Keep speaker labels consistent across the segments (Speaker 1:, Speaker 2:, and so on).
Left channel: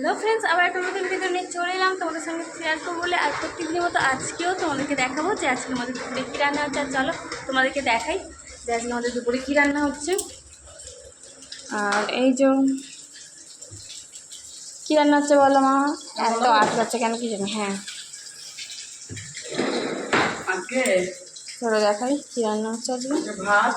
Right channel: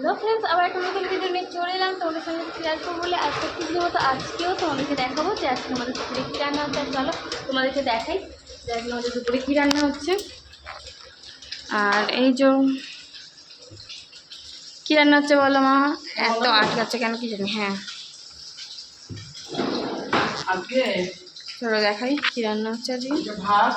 Speaker 1: Hello friends আবার একটা নতুন ভিডিও নিয়ে চলে এলাম। তোমাদের সঙ্গে শেয়ার করব বলে আর প্রত্যেকদিনের মতো আজকেও তোমাদেরকে দেখাবো যে আজকে আমাদের দুপুরে কী রান্না হচ্ছে। আর চলো তোমাদেরকে দেখাই যে আজকে আমাদের দুপুরে কী রান্না হচ্ছে। আর এই যে কী রান্না হচ্ছে বলো মা? এত আটকাচ্ছে কেন কি জানি হ্যাঁ। চলো দেখাই কী রান্না হচ্ছে আজকে।
Speaker 2: ভাত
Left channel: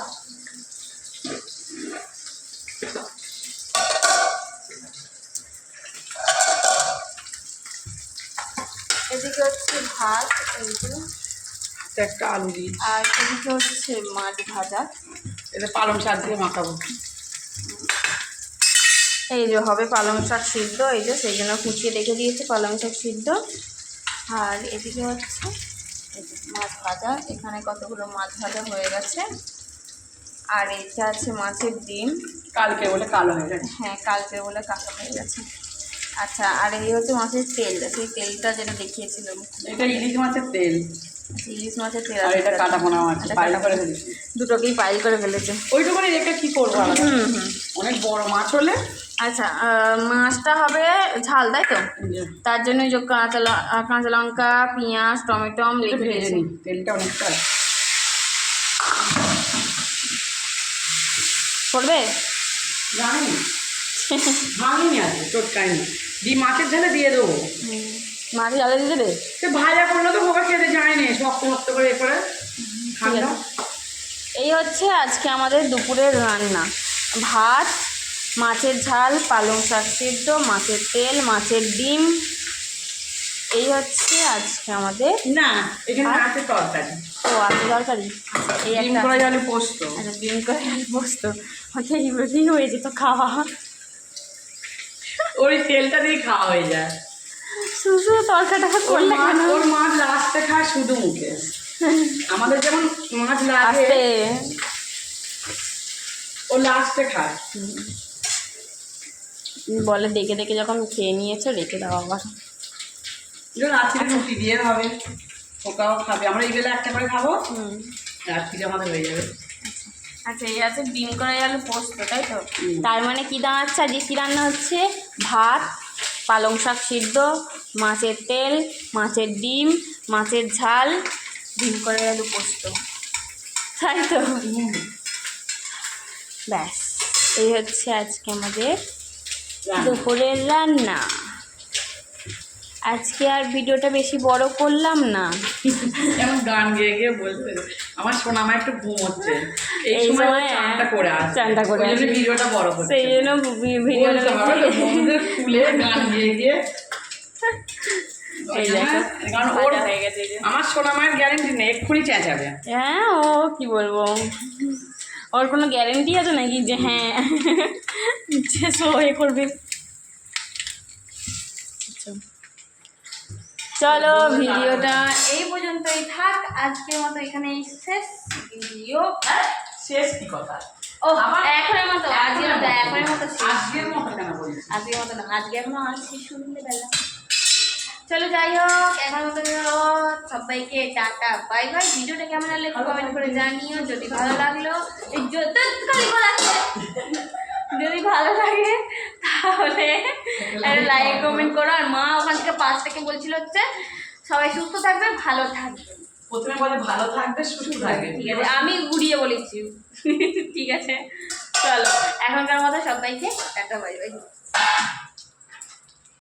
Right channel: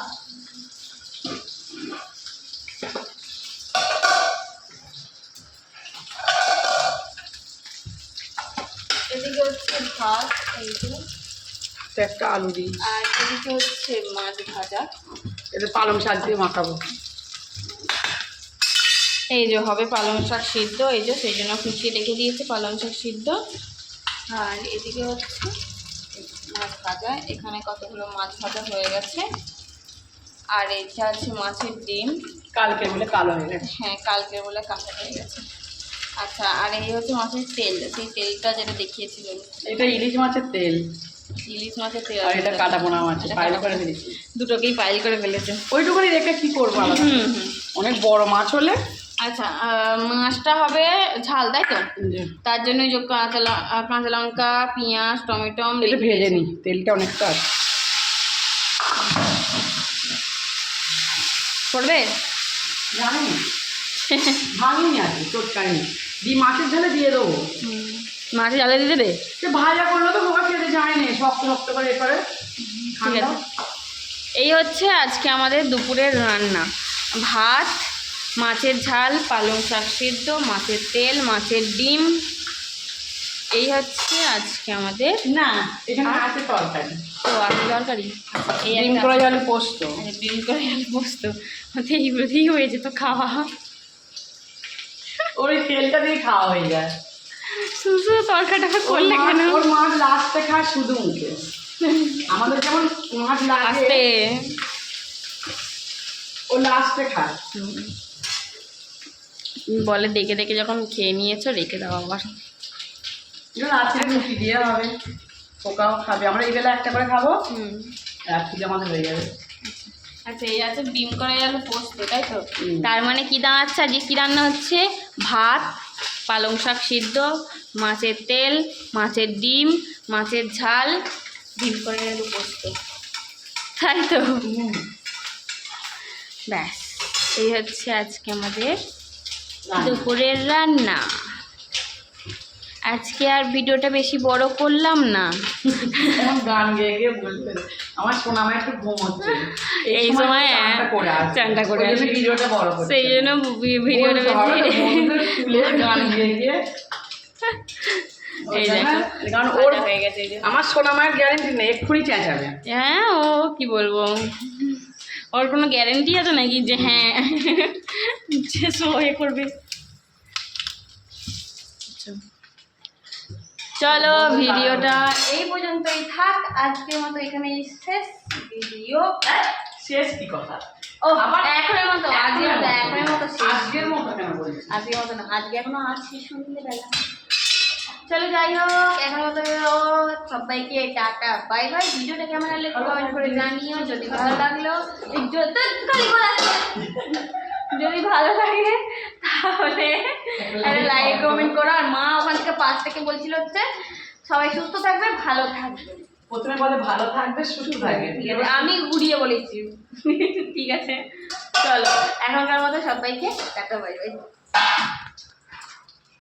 Speaker 1: এদিকে হচ্ছে ভাত এইগুলো
Speaker 2: একটা আলু দিই
Speaker 1: আর এদিকে হচ্ছে মাছ ভাজা।
Speaker 2: এতে পালং শাক দিয়ে মাখাবো।
Speaker 1: এই যে হবে পালং শাক সিদ্ধ এই যে সেই জন্য কুচিয়ে রেখে দিয়েছে পালং শাক সিদ্ধ। আর এদিকে হচ্ছে মাছ ভাজা। এখানে কতগুলো মাছ ভাজা হয়ে গেছে। আর এইটা আছে মাছের ডিম।
Speaker 2: কালকে বলে কালো হয়ে গেছে।
Speaker 1: হ্যাঁ কালকে বলে কাঁচা হয়ে গেছে। আচ্ছা আর এই হচ্ছে মাছের তেল। সেই তেলটা যেটা দেখিয়েছিলাম।
Speaker 2: এটা ইলিশ মাছের তেল।
Speaker 1: ইলিশ মাছের তেল
Speaker 2: আর এটা। কাটা পোনা মাছ পাইল করে। ফেলেছি।
Speaker 1: দুটোকেই পাইল করে ফেলেছে।
Speaker 2: ওইটুকুনি রেখে কি করব
Speaker 1: হুম হুম।
Speaker 2: অনেক বড় মাছ হলে?
Speaker 1: আচ্ছা মাছটা হবে ঝাল তাই তো? তার জন্য যে কাঁচা কাঁচা লঙ্কা পেঁয়াজ টমেটো
Speaker 2: ভেজে নিই তেলটা অনেকটা
Speaker 1: পড়বে?
Speaker 2: জানি। ভাঙিনি আছে চটকাইনি দিয়ে মাছের ঢেলে দিয়ে দেবো।
Speaker 1: মাছে জ্বালে দিয়ে দেবে?
Speaker 2: সে ভাজা করলে তো মোকা খেতে যায়নি শক্ত শক্ত করে এ করে
Speaker 1: আছে। এই হচ্ছে আজকে আমাদের দুপুরের রান্না। ভাত মাছের ঝাল পালং শাক সিদ্ধ মাছের তেল মাছের ডিম। এই হচ্ছে আজকে আমাদের
Speaker 2: না এখানে? আছে তরকারি।
Speaker 1: ও আপনি তরকারি? আচ্ছা এই
Speaker 2: ডিম করে জালে পোস্ত।
Speaker 1: আচ্ছা ডিম করে আলু পোস্ত। এইগুলো দিয়েই হয়ে যেত খাওয়া।
Speaker 2: ওই তেলটা দিয়ে খাওয়া হয়ে যায়।
Speaker 1: শুধু তরকাটা করলে কেন?
Speaker 2: ওর মাছ লাস্টে খায় শুধু মুখে। আমাদের যেমন মাছ লাগে ও লাস্টে খায়।
Speaker 1: বলে দেখে দেখে যখন খেয়ে নিয়েছো রেখে দাও আবার।
Speaker 2: রাত্রে রুটি দিয়ে হবে। পোকাও খাবে। আমরা এই বেলা একটা করে খাব।
Speaker 1: হুম।
Speaker 2: রাত্রিতে আমাদের হয়ে যাবে।
Speaker 1: আচ্ছা। এই আছে ডিম করে আলু পোস্ত তাই তো? তার মানে কি দাঁড়াচ্ছে? আজকে কী রান্না হচ্ছে? ভাত পালং শাক সিদ্ধ মাছের তেল মাছের ডিম মাছের ঝাল ডিম করে আলু পোস্ত। তাই তো? ব্যাস এই হচ্ছে আজকে আমাদের দুপুরের রান্না। আজকে আর ভিডিওটা বেশি বড় করলাম না।
Speaker 2: গান গেয়ে গিয়ে বলতে আমার সোনা মা একটু ঘুম হচ্ছে।
Speaker 1: এই সময়,
Speaker 2: চানটা করে আসে। ভিডিওটা বড়
Speaker 1: সেই জন্য ভিডিওটা
Speaker 2: আমার
Speaker 1: বেশি
Speaker 2: গান গেয়ে গিয়ে।
Speaker 1: এই দেখো।
Speaker 2: কারণ ওর
Speaker 1: হয়ে গেছে
Speaker 2: আমার সোনা মায়ের গ্যারেন্টি নেই এক্ষুনি চেঁচাবে
Speaker 1: হ্যাঁ ও কি বলব? ওর কোনো গ্যারেন্টি আছে নাকি যে হ্যাঁ? যে সো এ করবে। আচ্ছা। চলো ভিডিওটা এই পর্যন্তই থাক। আজকের মতো এখানে শেষ ভিডিও।
Speaker 2: শেষ কি কথা?
Speaker 1: ও
Speaker 2: আবার?
Speaker 1: এখনের মতো আজকের মতো এখনের মতো
Speaker 2: আজকের মতো কেন বলিস?
Speaker 1: আজকের মতো না আজকে এখনও আছে সন্ধ্যেবেলা চলো যাই হোক এখন মতো সবাইকে টাটা বাই বাই। ভিডিওটা কেমন লাগলে কমেন্ট করে জানিও যদি ভালো লাগল এই যদি খালি বলাচ্ছে যদি ভালো লাগে তাহলে একটা লাইক কমেন্ট করো আর মা ওখান থেকে পাঁচ থেকে বলছিল হচ্ছে সবাই সুস্থ থাকবে ভালো থাকবে।
Speaker 2: প্রথমে বলে ভালো থাকবে সুস্থ থাকবে।
Speaker 1: ঠিক আছে আমি ঘুরিয়ে বলেছি। ঠিক আছে চলো এখনকার মতো সবাইকে টাটা বাই বাই।